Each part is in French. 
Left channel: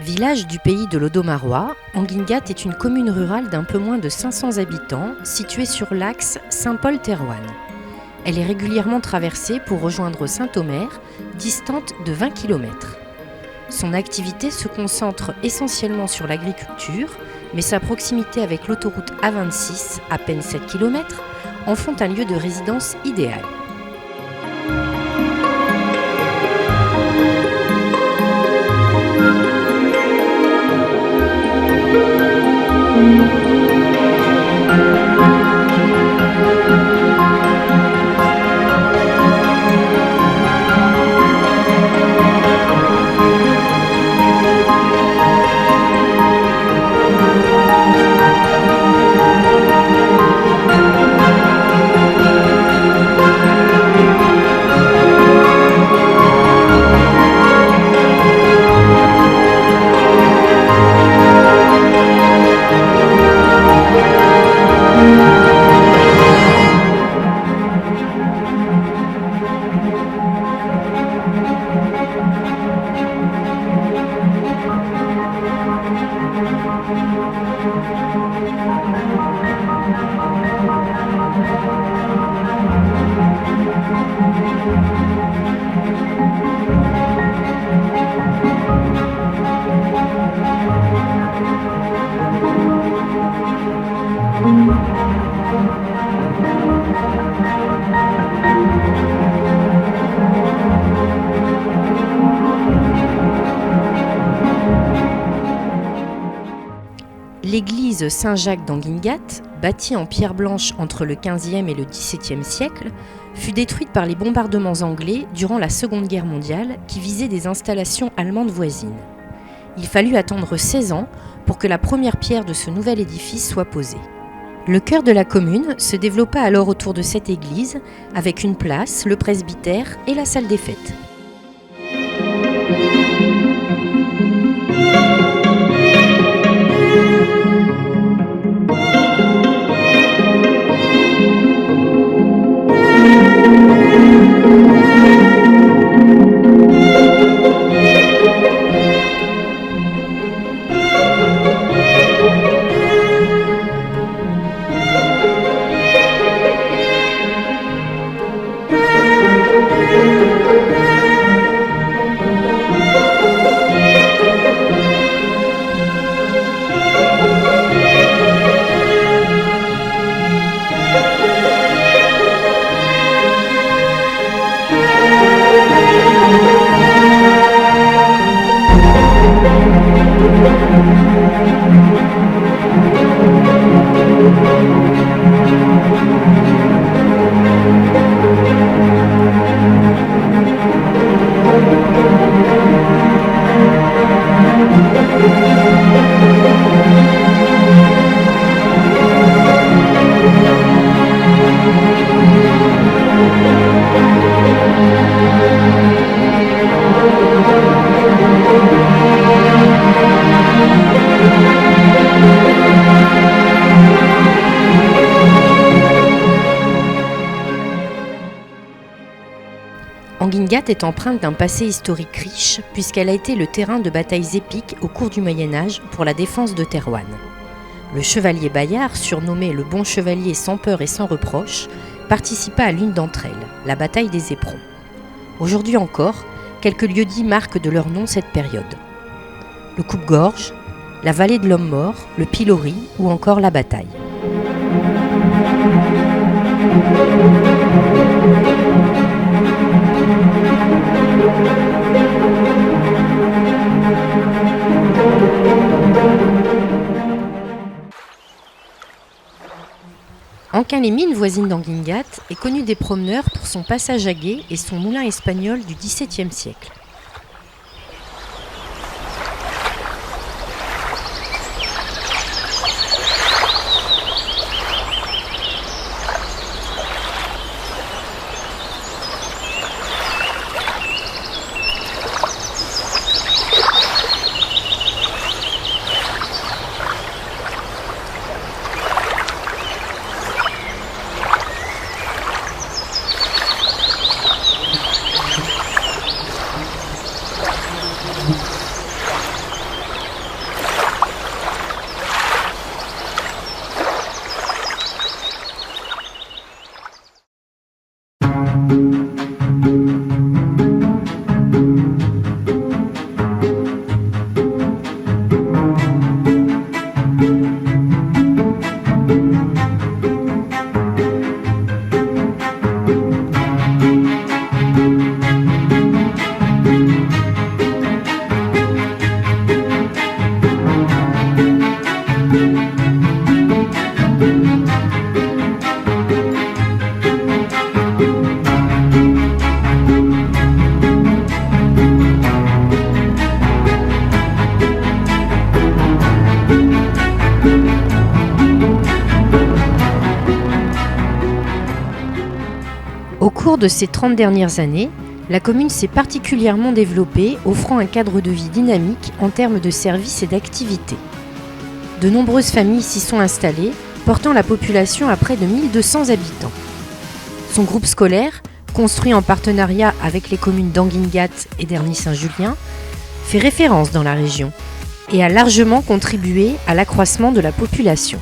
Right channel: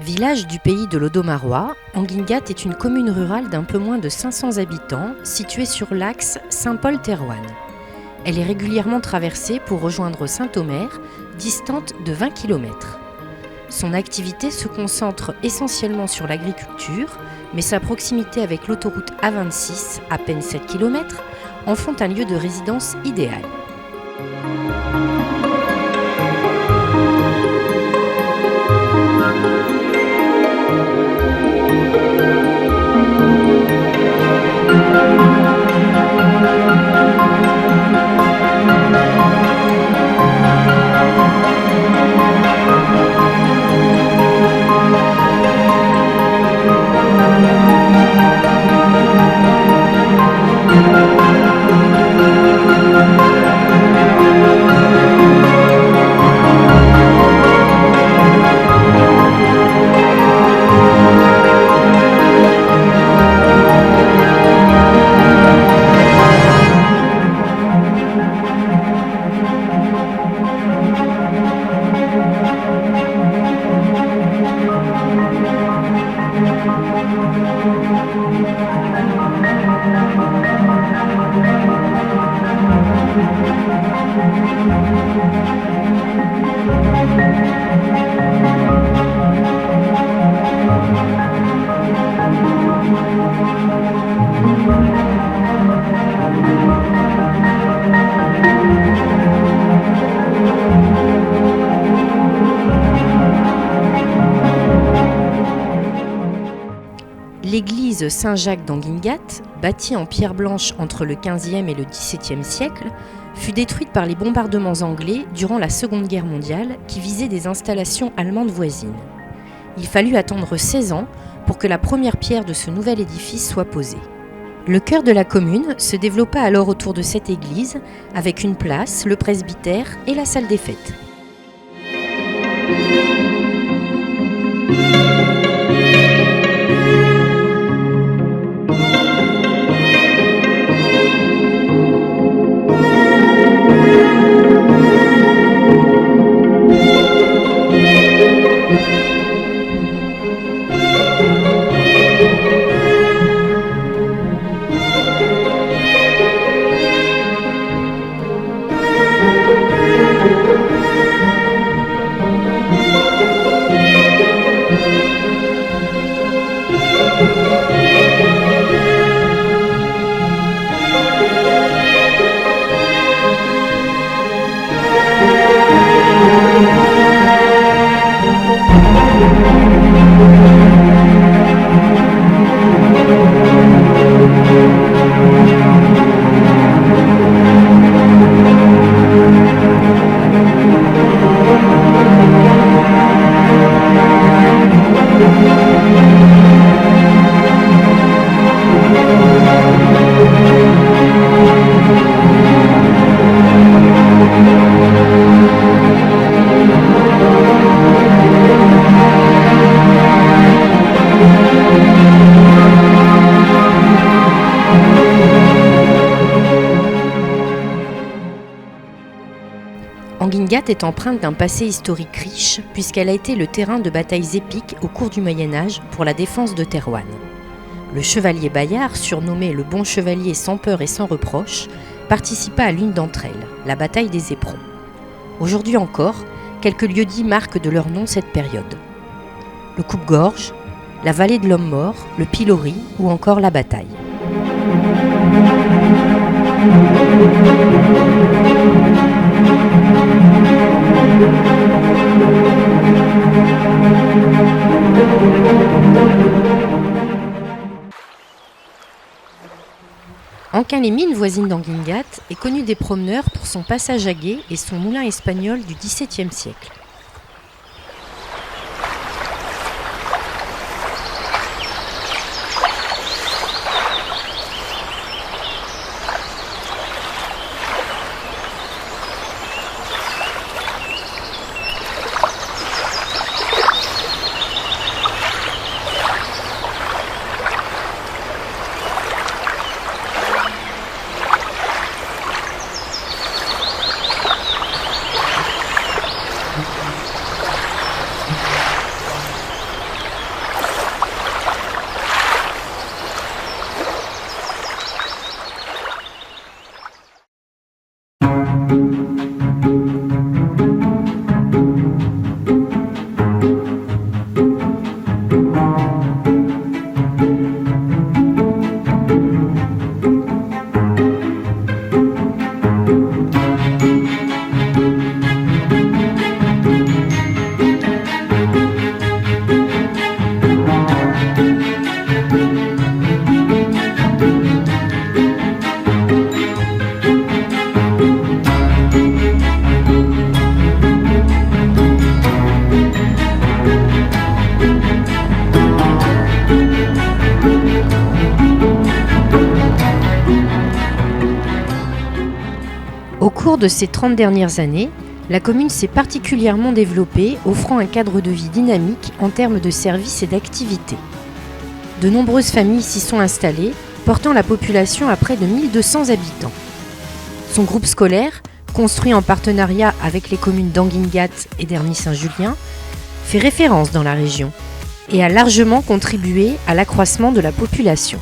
Village du pays de l'Odomarois, Anguingat est une commune rurale d'un peu moins de 500 habitants située sur l'axe Saint-Paul-Thérouanne. Elle est régulièrement traversée pour rejoindre Saint-Omer, distante de 20 km. Son activité se concentre essentiellement sur l'agriculture, mais sa proximité avec l'autoroute A26, à peine 7 km, en font un lieu de résidence idéal. L'église Saint-Jacques d'Anguingat, bâtie en pierre blanche entre le XVe et le XVIIe siècle, fut détruite par les bombardements anglais durant la Seconde Guerre mondiale qui visaient des installations allemandes voisines. Il fallut attendre 16 ans pour que la première pierre de ce nouvel édifice soit posée. Le cœur de la commune se développa alors autour de cette église avec une place, le presbytère et la salle des fêtes. Anguingat est empreinte d'un passé historique riche puisqu'elle a été le terrain de batailles épiques au cours du Moyen-Âge pour la défense de Thérouanne. Le chevalier Bayard, surnommé le Bon Chevalier sans peur et sans reproche, participa à l'une d'entre elles, la bataille des Éperons. Aujourd'hui encore, quelques lieux-dits marquent de leur nom cette période. Le coupe-gorge, la vallée de l'homme mort, le pilori ou encore la bataille. Anquin-les-Mines, voisine d'Anguingat, est connue des promeneurs pour son passage à gué et son moulin espagnol du XVIIe siècle. cours de ces 30 dernières années, la commune s'est particulièrement développée, offrant un cadre de vie dynamique en termes de services et d'activités. De nombreuses familles s'y sont installées, portant la population à près de 1200 habitants. Son groupe scolaire, construit en partenariat avec les communes d'Anguingat et d'Herny-Saint-Julien, fait référence dans la région et a largement contribué à l'accroissement de la population.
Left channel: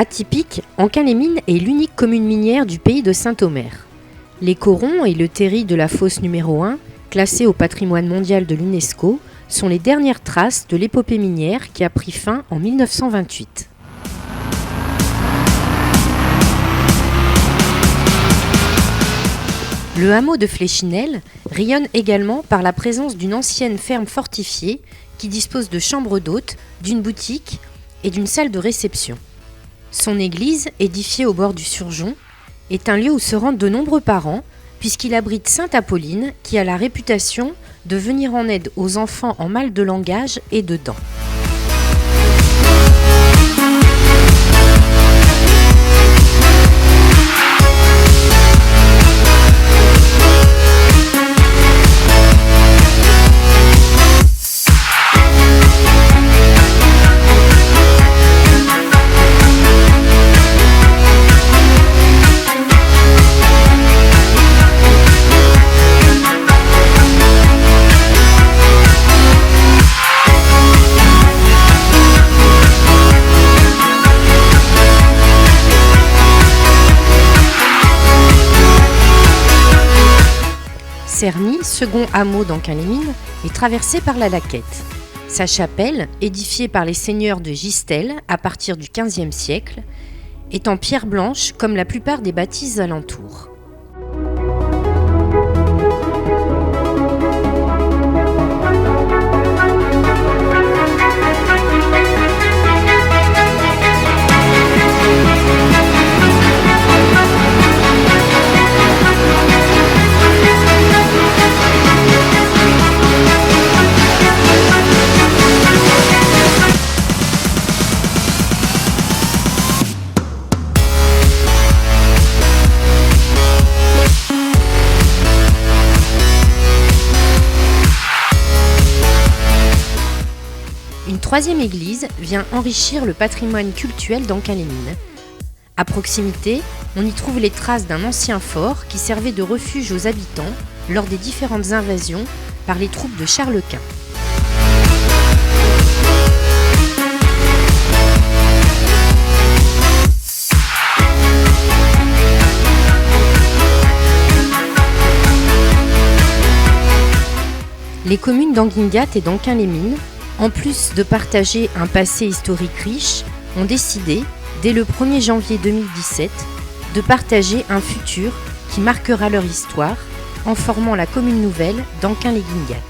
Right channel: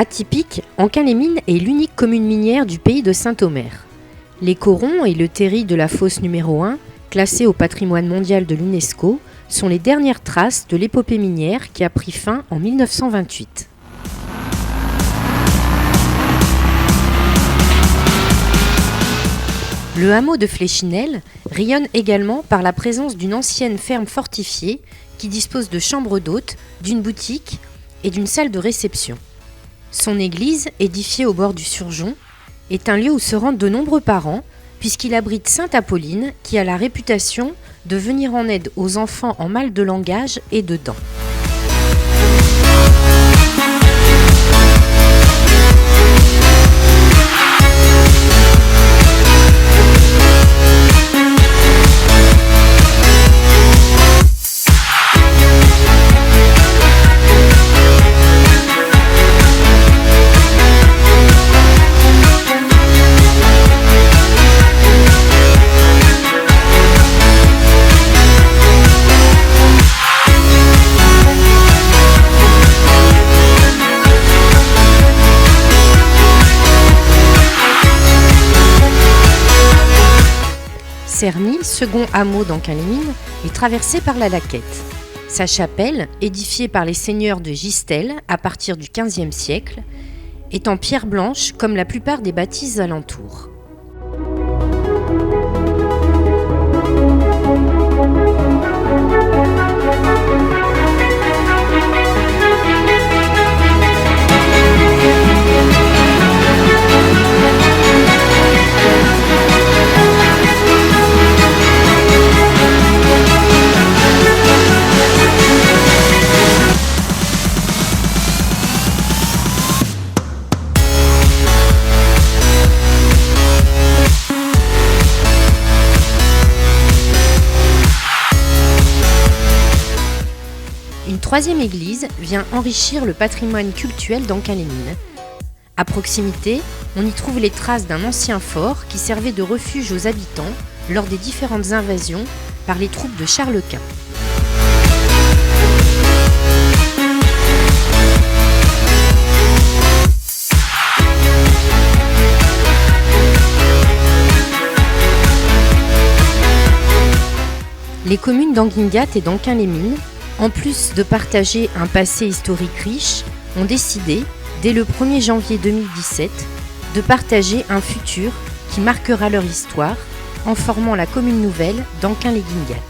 Atypique, Anquin-les-Mines est l'unique commune minière du pays de Saint-Omer. Les corons et le terri de la fosse numéro 1, classés au patrimoine mondial de l'UNESCO, sont les dernières traces de l'épopée minière qui a pris fin en 1928. Le hameau de Fléchinel rayonne également par la présence d'une ancienne ferme fortifiée qui dispose de chambres d'hôtes, d'une boutique et d'une salle de réception. Son église, édifiée au bord du Surgeon, est un lieu où se rendent de nombreux parents puisqu'il abrite Sainte Apolline qui a la réputation de venir en aide aux enfants en mal de langage et de dents. Cerny, second hameau d'Anquin-les-Mines, est traversé par la Laquette. Sa chapelle, édifiée par les seigneurs de Gistel à partir du XVe siècle, est en pierre blanche comme la plupart des bâtisses alentours. Une troisième église vient enrichir le patrimoine cultuel d'Anquin-les-Mines. À proximité, on y trouve les traces d'un ancien fort qui servait de refuge aux habitants lors des différentes invasions par les troupes de Charles Quint. Les communes d'Anguingat et d'Anquin-les-Mines, en plus de partager un passé historique riche, ont décidé, dès le 1er janvier 2017, de partager un futur qui marquera leur histoire en formant la commune nouvelle d'Anquin-les-Guingat.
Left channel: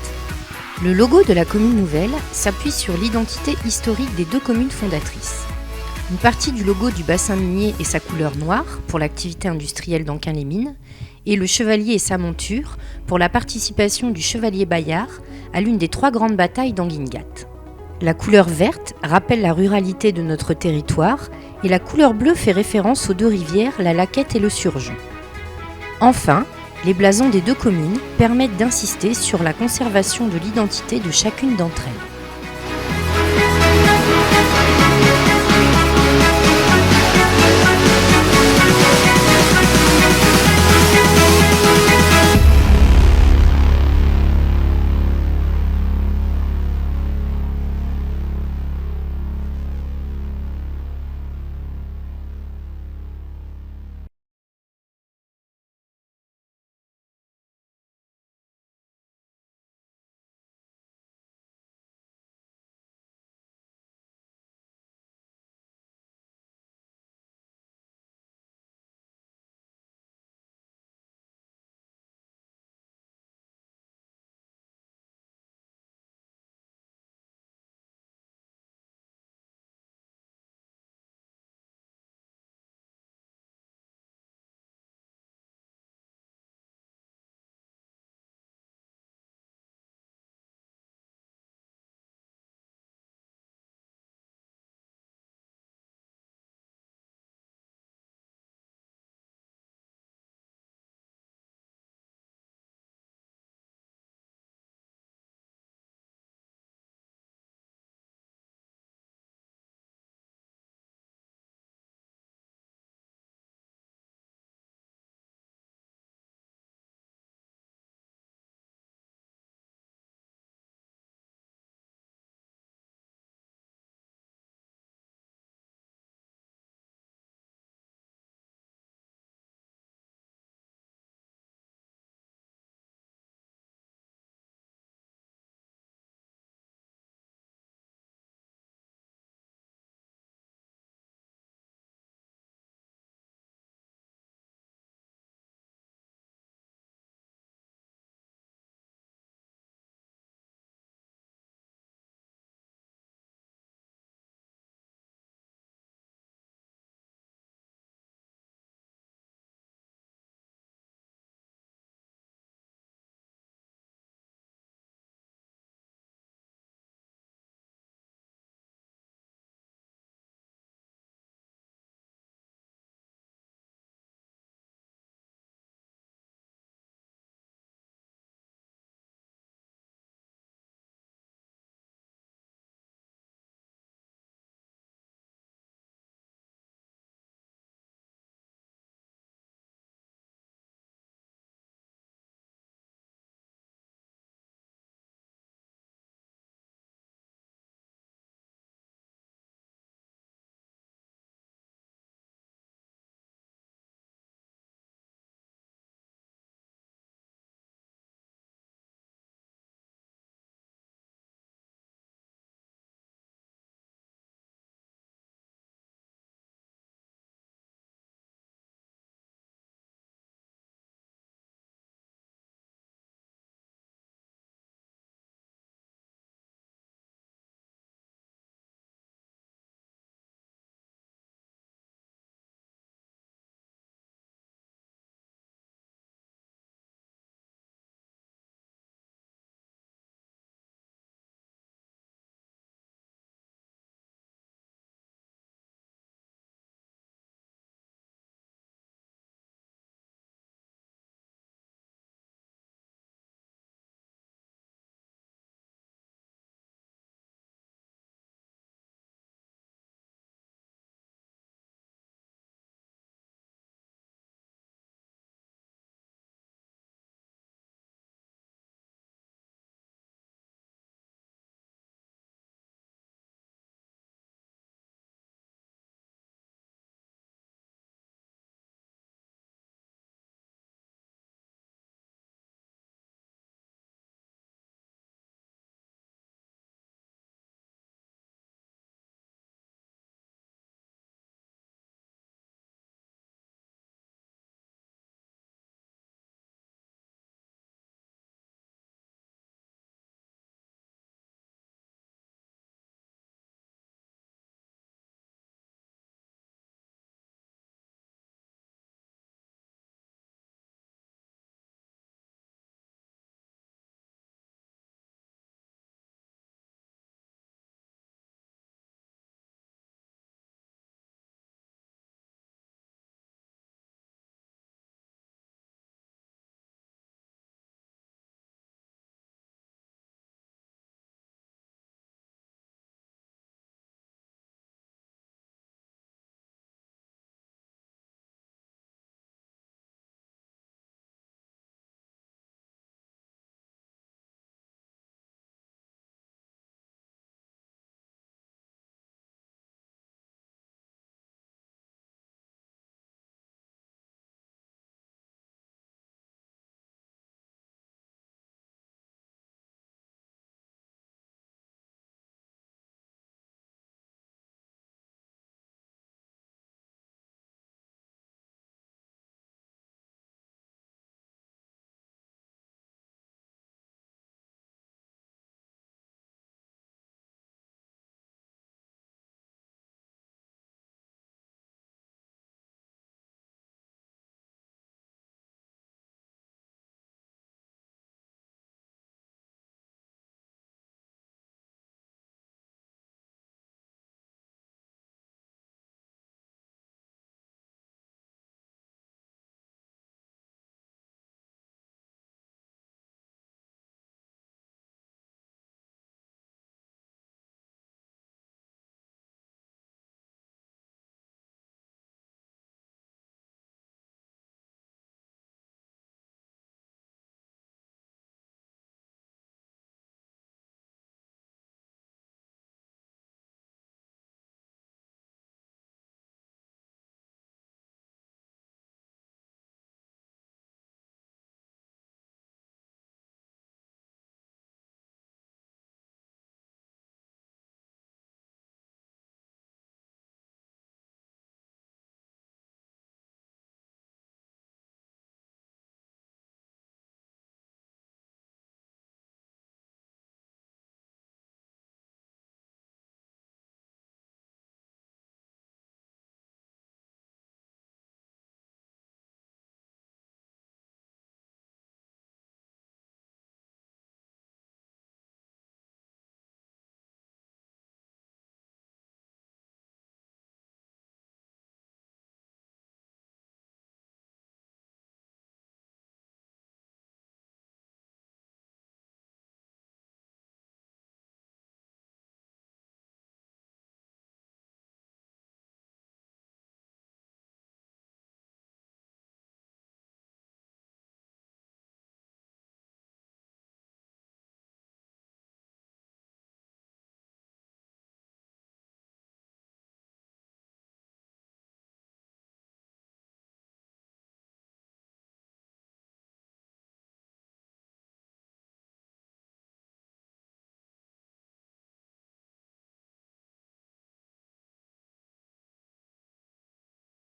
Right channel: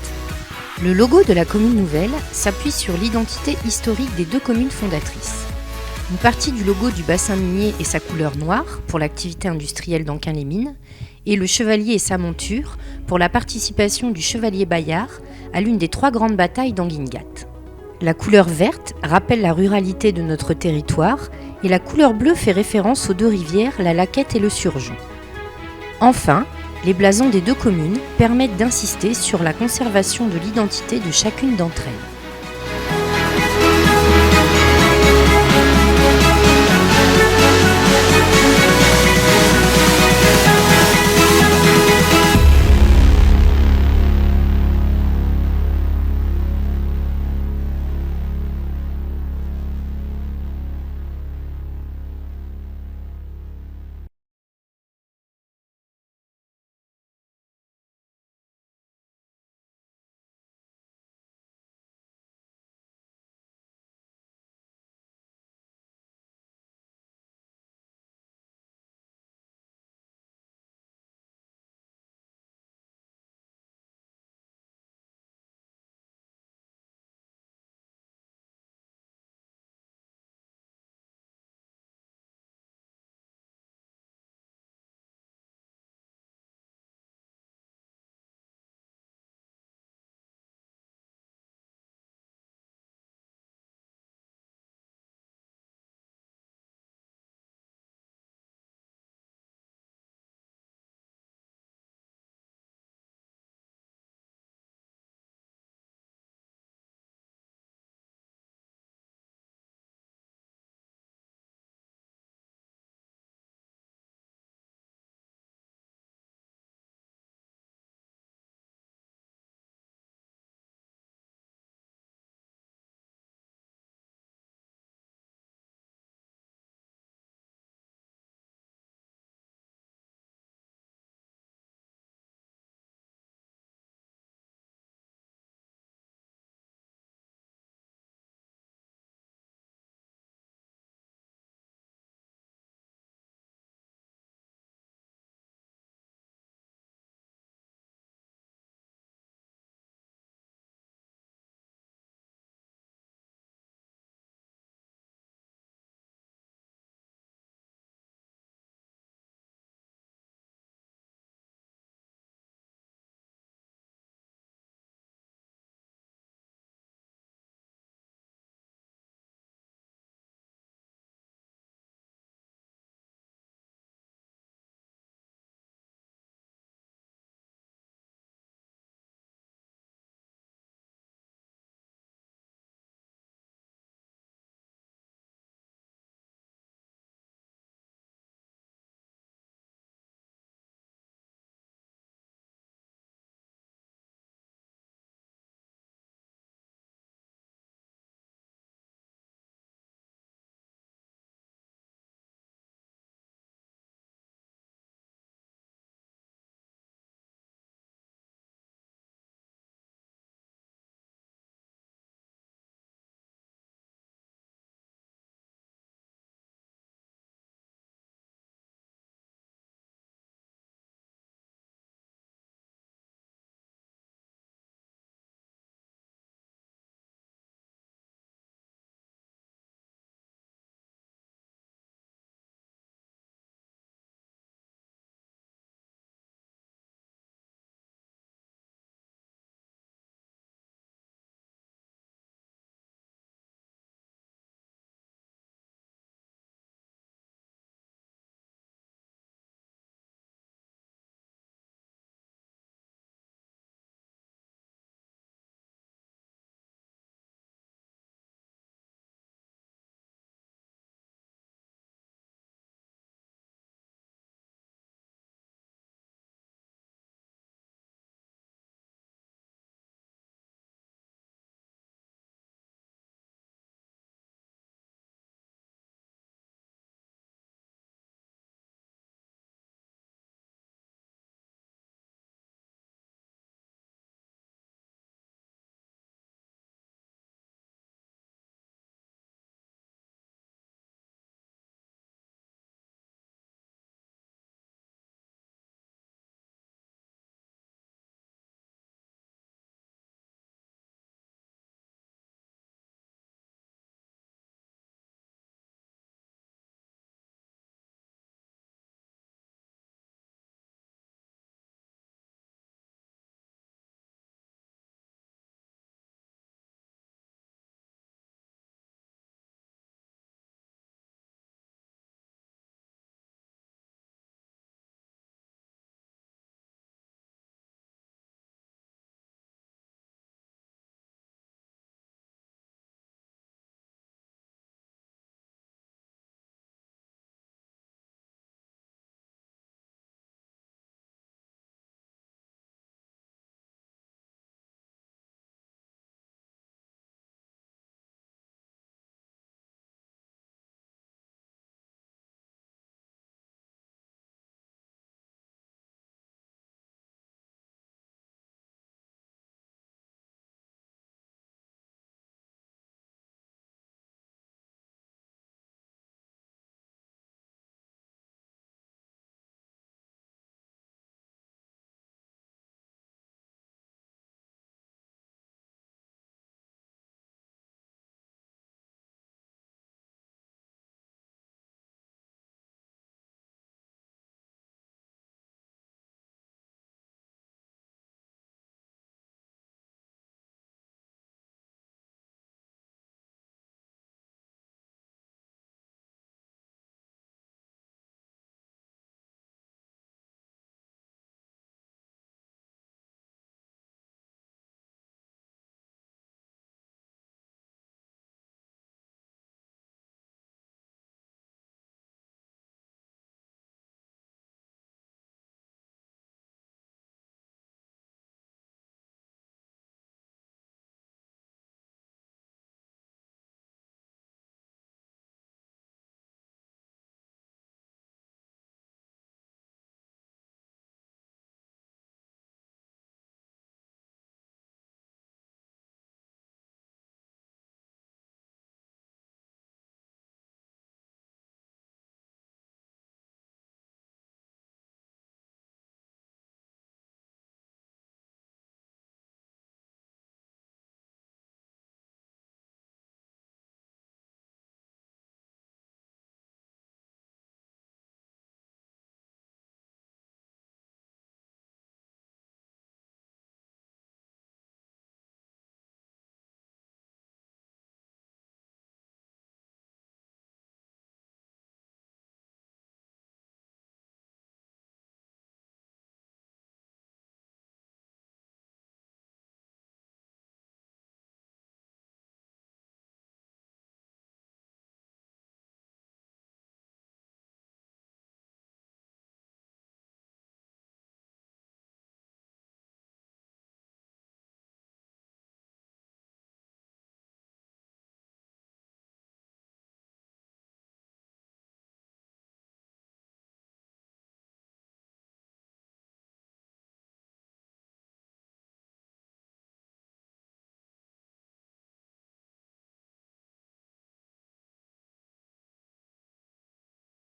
Le logo de la commune nouvelle s'appuie sur l'identité historique des 2 communes fondatrices. Une partie du logo du bassin minier est sa couleur noire pour l'activité industrielle d'Anquin-les-Mines et le chevalier et sa monture pour la participation du chevalier Bayard à l'une des 3 grandes batailles d'Anguingat. La couleur verte rappelle la ruralité de notre territoire et la couleur bleue fait référence aux 2 rivières, la Laquette et le Surgeon. Enfin, les blasons des 2 communes permettent d'insister sur la conservation de l'identité de chacune d'entre elles.